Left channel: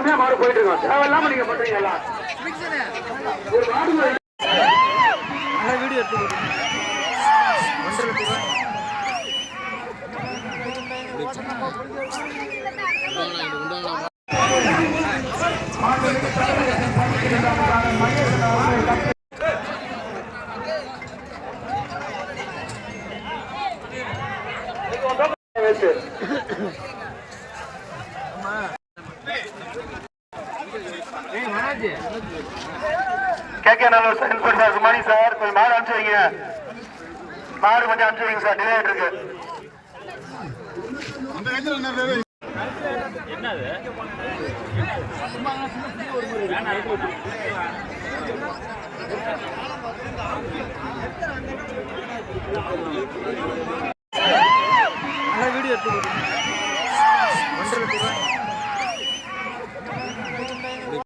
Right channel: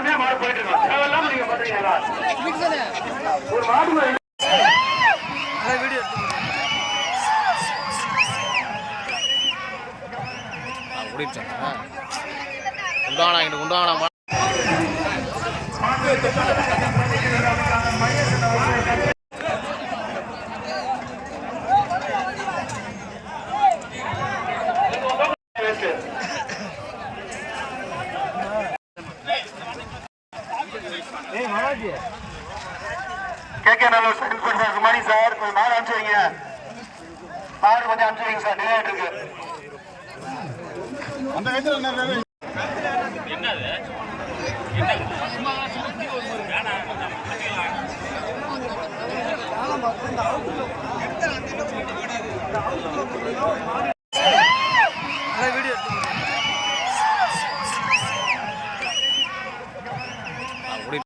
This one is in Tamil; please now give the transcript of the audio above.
அருமையா மாடு போயிட்டு இருக்கோம். தேவையில்லாம நீங்க பண்றீங்களா ஒரு மாடு உண்டானா கொண்டு வாடா இங்கிட்டு கொண்டு வாடா வச்சு கேட்க நம்ம சார் குட் மார்னிங் சார். கொஞ்சம் மாடு அனுப்பிச்சு வைங்க. மாடு கொஞ்சம் அனுப்பிச்சு வைங்க சார். டிலே ஆயிட்டு இருக்கு. அந்த வயசுல என்ன